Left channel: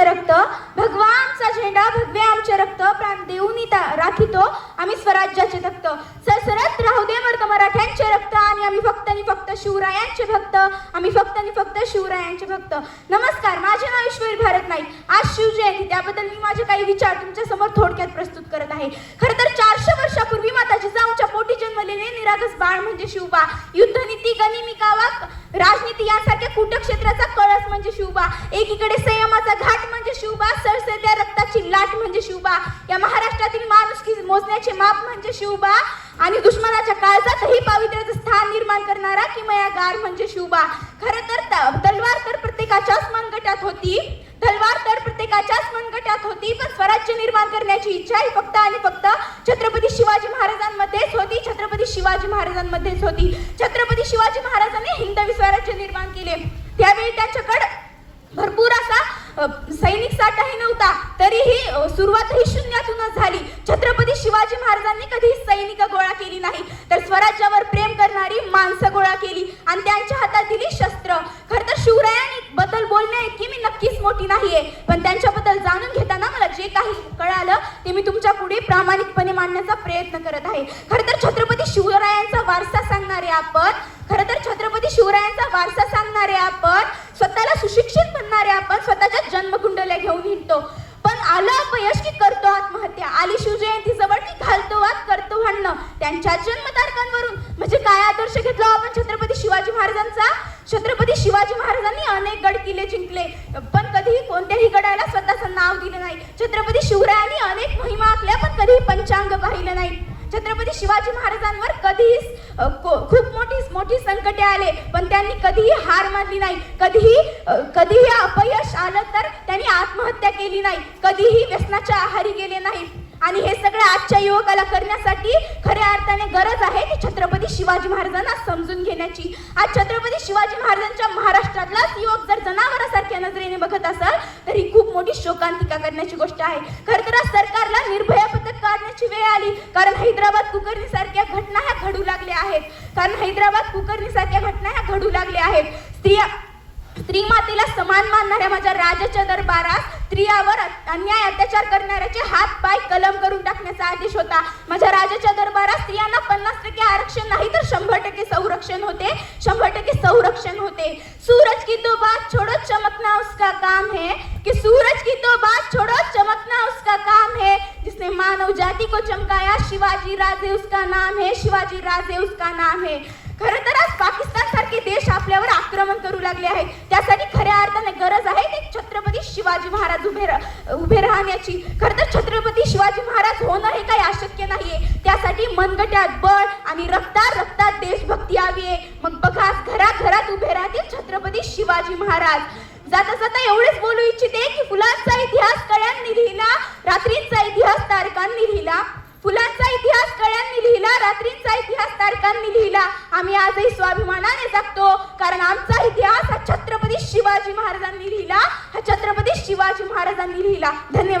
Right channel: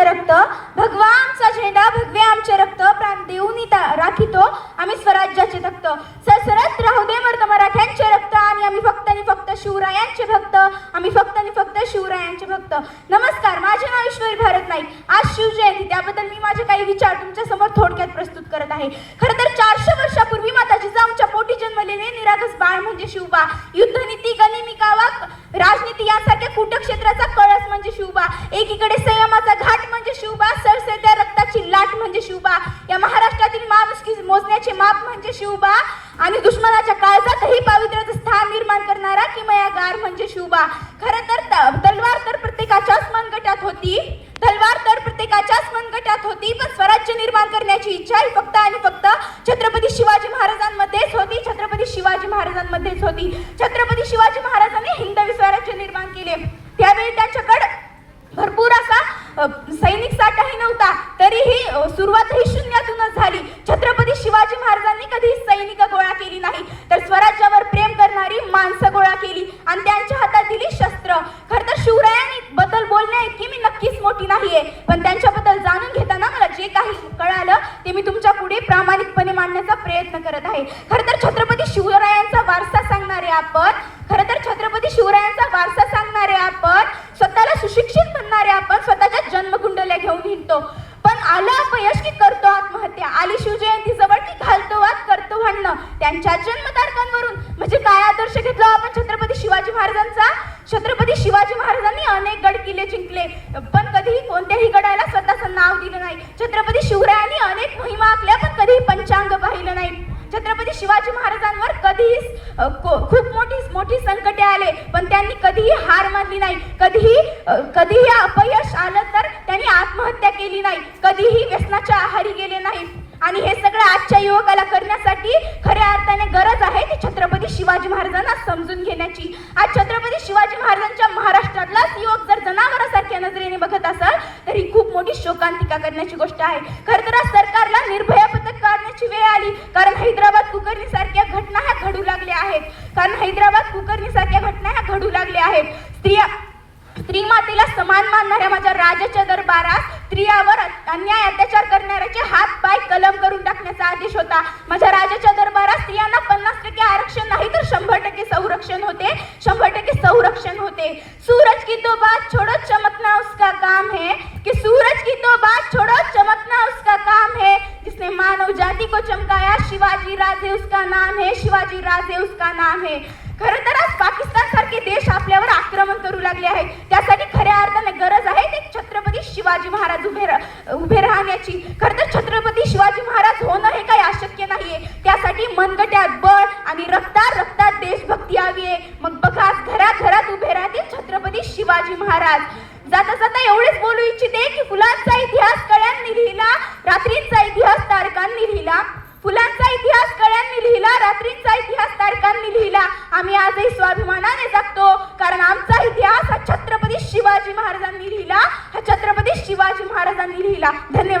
रक्त भगवानचा झेंडा भगवे आमचे रक्त प्राण देऊन राखितो आम्ही स्वराज्याचे तख्त सरसरत राहू दे मर्द मराठ्यांचे रक्त आणि आम्ही फक्त आणि फक्त शिवरायांचे भक्त आम्ही फक्त आणि फक्त शिवरायांचे भक्त। नमस्कार, माझे नाव ईश्वरी भारत नाईक। आज शिवजयंती, त्याबद्दल मी माझे काही विचार तुमच्या समोर थोडक्यात प्रस्तुत करत आहे। खरं तर 400 वर्षापूर्वी माता जिजाऊंच्या पोटी जन्मलेले निरागस बाळ म्हणजे शिवबा। युद्धनीती, गनिमिका, राजनीती यांसारख्या कूटक्षेत्राचा कळस म्हणजे शिवबा। एकीकडे संयमाचा घाट म्हणजे शिवबा, सरसेत्या रक्ताची लाट म्हणजे शिवबा, या महाराष्ट्रातील माणुसकी मोजण्याचे माप म्हणजे शिवबा आणि दुश्मनाच्या काळजातही पावित्र्याचं स्थान निर्माण करणारा किमयागार म्हणजे शिवबा। खरं तर तलवार तर प्रत्येकाच्याच मनगटात होती, पण स्वराज्य निर्माण करण्याची इच्छा ही फक्त आणि फक्त छत्रपती शिवाजी महाराजांमध्येच होती। छत्रपती शिवाजी महाराजांनी हिंदवी स्वराज्य निर्माण केले। त्यावेळी त्यांच्याकडे भरपूर असा सैनिक साठाही नव्हता, तरीही सुरुवातही शून्यातूनच झाली। छत्रपती शिवाजी महाराजांनी कधीही सैनिक गोळा केली नाही, तर स्वराज्यावर प्रेम करणारी माणसं गोळा केली आणि त्यांच्या हातात दिली शस्त्र। खरं तर शिवरायांनी बद्दल बोलण्या इतकी मी नक्कीच मोठी नाहीये, पण त्यांच्याबद्दल जाणून घेताना मला जे काही कळालं ते मी तुमच्या पुढे प्रामाणिकपणे मांडण्याचा प्रयत्न करत आहे। खरं तर छत्रपती शिवरायांचा वारसा सांगणारे आपण, स्वतःला सुशिक्षित म्हणणारे आपण स्वतःच्या जन्मकुंडल्या घेऊन हिंडतो, पण आलं अपयश की करतो आत्महत्या, आली शिवजयंती जवळ की घालतो वाद करतो भांडणं त्यांच्या जन्मतारखांवरून। म्हणजे काय आदर्श घेतला आपण छत्रपती शिवाजी महाराजांचा? छत्रपती शिवाजी महाराजांनी अनेक गड किल्ले जिंकले, पण कधीही कोणत्याही गडाला स्वतःचं नाव दिलं नाही। छत्रपती शिवरायांनी अनेक मोहिमा आखल्या, पण कधीही पंचांग पाहिलं नाही। छत्रपती शिवाजी महाराजांवर कधीही खूप मोठी संकटे आले, पण त्यांनी कधीही हार मानली नाही। कधीही अपयश आलं तर त्यांनी आत्महत्या केली नाही, कधीही व्यसनाच्या आहारी गेले नाही। आणि हे सगळं आजच्या युवकाला करण्यासाठी खऱ्या अर्थाने गरज आहे की छत्रपती शिवाजी महाराजांना समजून घेण्याची। आज छत्रपती शिवाजी महाराजांच्या महाराष्ट्रातलाच युवक जर जनावरासारख्या नजरेने बघत असाल तर ही खूप मोठी शोकांतिका करण्याची गोष्ट आहे। खरं तर आज सरकारला निर्भया पथक काढण्याची वेळ आली, कारण हैदराबाद कुकर्णी सारख्या घटना ह्या घडू लागल्या आहेत। स्त्री मातेला समान मानणाऱ्या माझ्या राजाच्या दरबारात स्त्रियावर अन्याय अत्याचार करणाऱ्याचे हात पाय कलम करून टाकण्याचा आदेश होता। माझ्या राजाच्या दरबारात स्त्रियांना 50% आरक्षण नाही तर 100% संरक्षण होते। सूरज की तो बात छोड़ो चमकना उसका काम है, जिसने मानव जाति को चमकाया शिवाजी राजे उसका नाम है। खरं तर आज पाकिस्तान सारखे देश आपल्यावर आक्रमण करू लागले आहेत, त्यासाठी खऱ्या अर्थाने गरज आहे ते छत्रपती शिवाजी महाराज उभे राहण्याची। खरं तर छत्रपती शिवाजी महाराज होणं हे काही अशक्य नाहीये, त्यासाठी मनगट्यात बळ आणि रक्तात देशभक्ती हवी आहे। मग बघा, घरात उभे राहतील छत्रपती शिवाजी महाराज। जाता एवढेच बोलू इच्छिते की फुलांचा इतिहास कळ्यांनी लिहिला, रात्रींचा इतिहास तारकांनी लिहिला। रात्रींचा इतिहास तारकांनी लिहिला। आम्ही आजही स्वाभिमानाने जगतो, कारण आमचा इतिहास हा छत्रपती शिवाजी महाराजांनी लिहिला। धन्यवाद।